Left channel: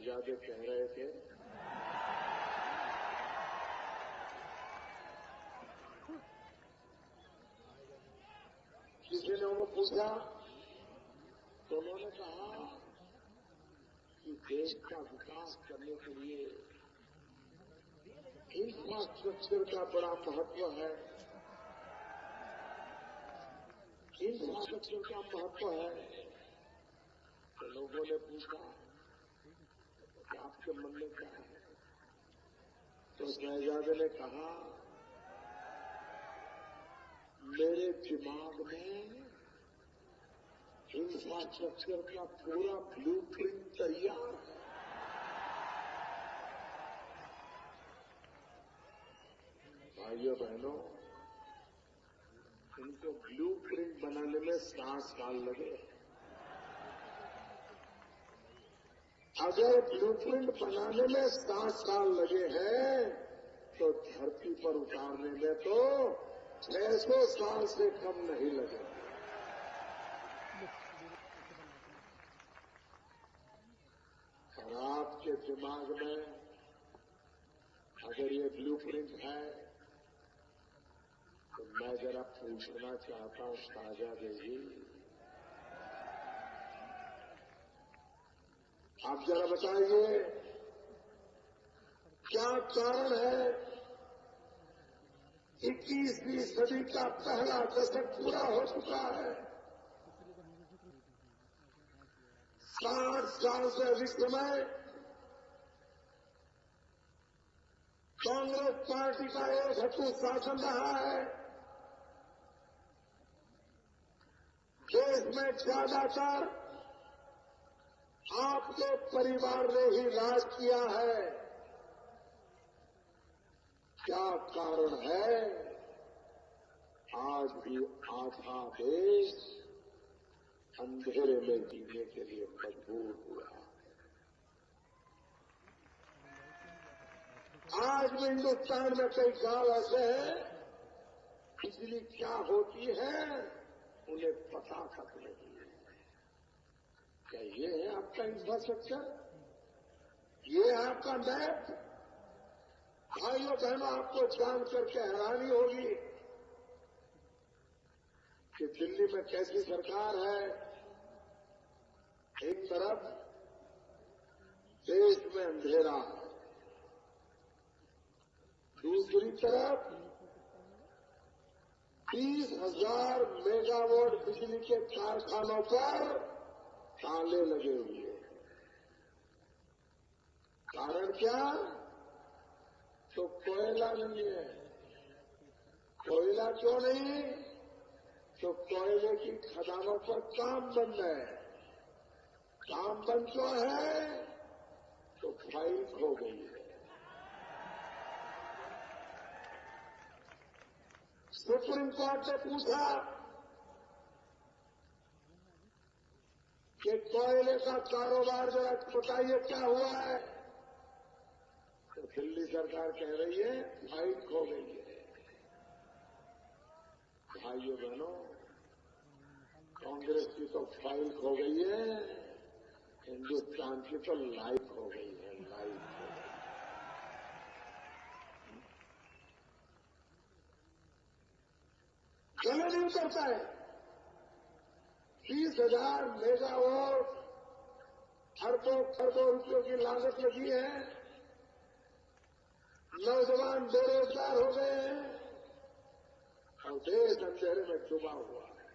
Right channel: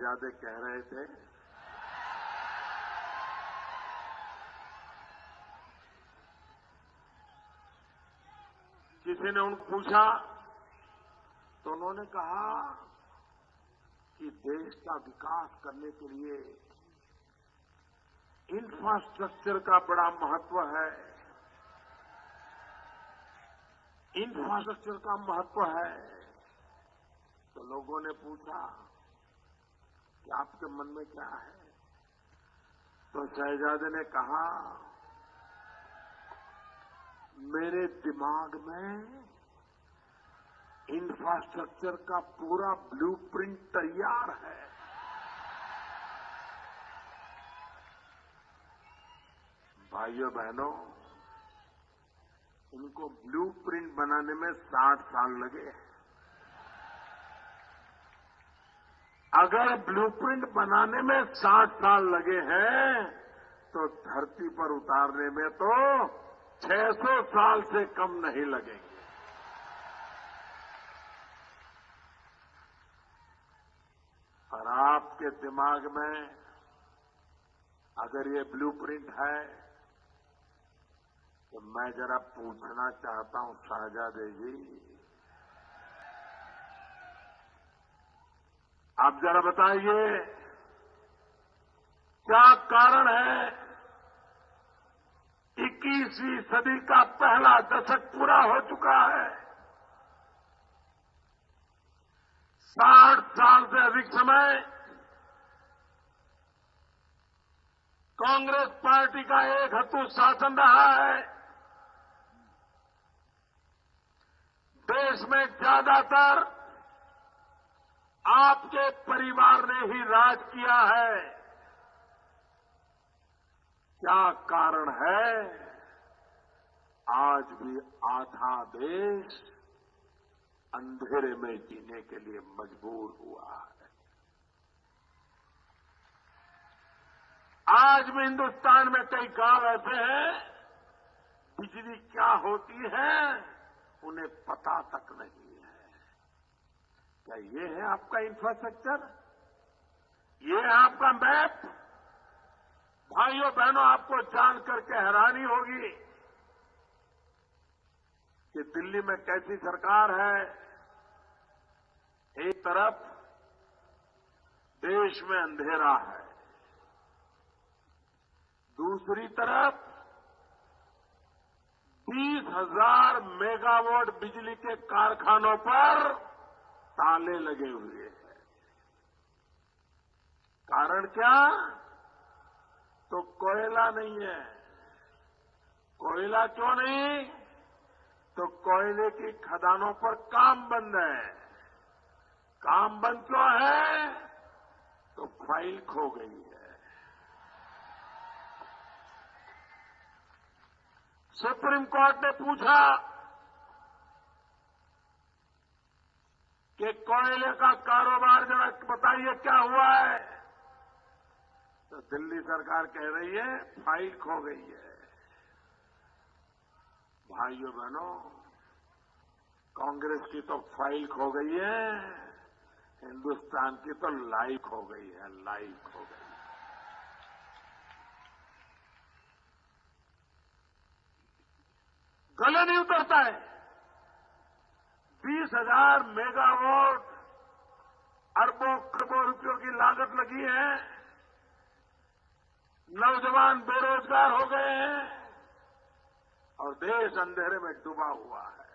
शहजादे कह रहे थे किसी ने उनको पूछा तो उन्होंने कहा कि देश का विकास करने के लिए इंफ्रास्ट्रक्चर का बड़ा महत्व है। इंफ्रास्ट्रक्चर का महत्व है। तो लोगों ने पूछा कि आपके मन में क्या है? तो शहजादे ने कहा, मेरे दिमाग में इंफ्रास्ट्रक्चर का पूरा ब्लूप्रिंट तैयार है। भाइयों बहनों, उनको ब्लूप्रिंट बनाने में 60 साल लगे। अगर ब्लूप्रिंट बनाने में 60 साल लगे हैं तो धरती पर उतारने में तो 600 साल से कम नहीं लगेंगे। और आपके दिमाग में अगर ये ब्लूप्रिंट है तो मैं जरा पूछना चाहता हूं शहजादे जी, आप जरा बताइए क्या कारण है 21वीं सदी का पहला दशक पूरा हो चुका है। 60 साल से अधिक समय कांग्रेस पार्टी का एक हत्तू शासन रहा है। देश में ज्यादातर आपके परिवार ने ही राज किया है। क्या कारण है आज भी आधा देश अंधेरे में जीने के लिए मजबूर हुआ है? आज भी हिंदुस्तान में कई गांव ऐसे हैं, बिजली क्या होती है उन्हें पता तक नहीं है। क्या ये है आपका इंफ्रास्ट्रक्चर? ये है आपका मैप? भाइयों बहनों, आपको जानकर के हैरानी होगी कि दिल्ली में कैसी सरकार है। एक तरफ देश में अंधेरा है, दूसरी तरफ 20,000 मेगावाट बिजली के कारखानों पर ताले लगे हुए हैं। कारण क्या? तो कोयला नहीं है। कोयला क्यों नहीं? तो कोयले की खदानों पर काम बंद है। काम बंद क्यों है? तो फाइल खो गई है। सुप्रीम कोर्ट ने पूछा कि कोयले का कारोबार जरा बताइए क्या हुआ है। तो दिल्ली सरकार कह रही है फाइल खो गई है। भाइयों बहनों, कांग्रेस की तो फाइल खो गई है, हिंदुस्तान की तो लाइफ खो गई है। लाइफ खो गई। गले नहीं उतरता है। 20,000 मेगावाट अरबों खरबों रुपयों की लागत लगी है। नौजवान बेरोजगार हो गए हैं और देश अंधेरे में डूबा हुआ है।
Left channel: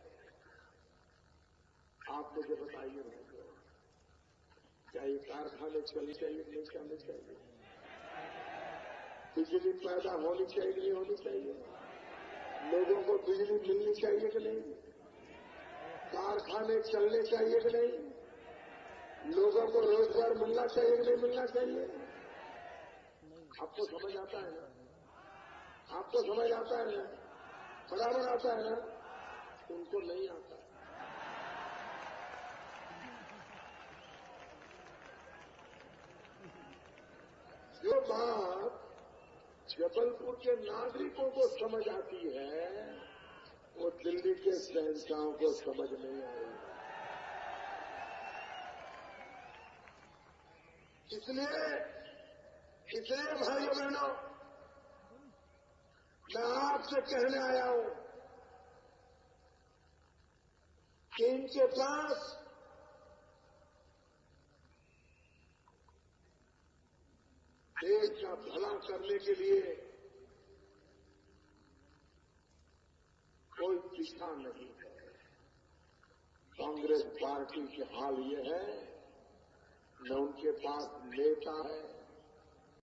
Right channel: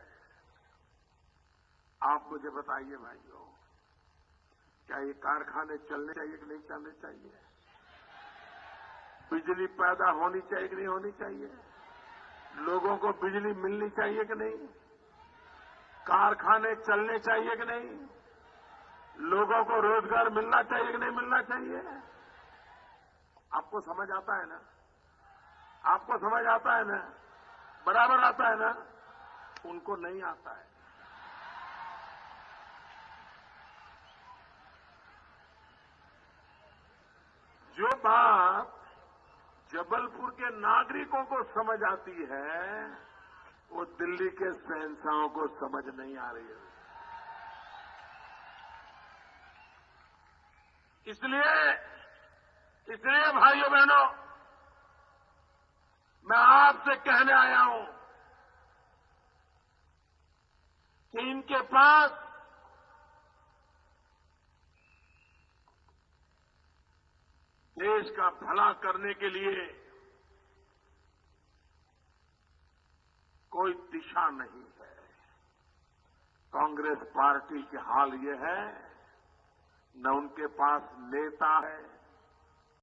आप मुझे बताइए भाइयों, क्या ये कारखाने चलने चाहिए कि नहीं चलने चाहिए? बिजली पैदा होनी चाहिए कि नहीं होनी चाहिए? लोगों को बिजली मिलनी चाहिए कि नहीं? कारखाने चलने चाहिए कि नहीं? लोगों को रोजगार मिलना चाहिए कि नहीं मिलना चाहिए? आपको समझ आता है ना? आपको समझ आता है ना? बराबर आता है ना? उनको नहीं आता है। जो बात जबलपुर के नागरिकों को समझ आती है वो दिल्ली के शहंशाहों को समझ नहीं आ रही है। इसलिए भाइयों बहनों, मैं आपसे कहने आया हूं कि इनके पास देश का भला करने के लिए कोई दिशा नहीं है। कांग्रेस पार्टी के हाल ये है, न उनके पास नेता है,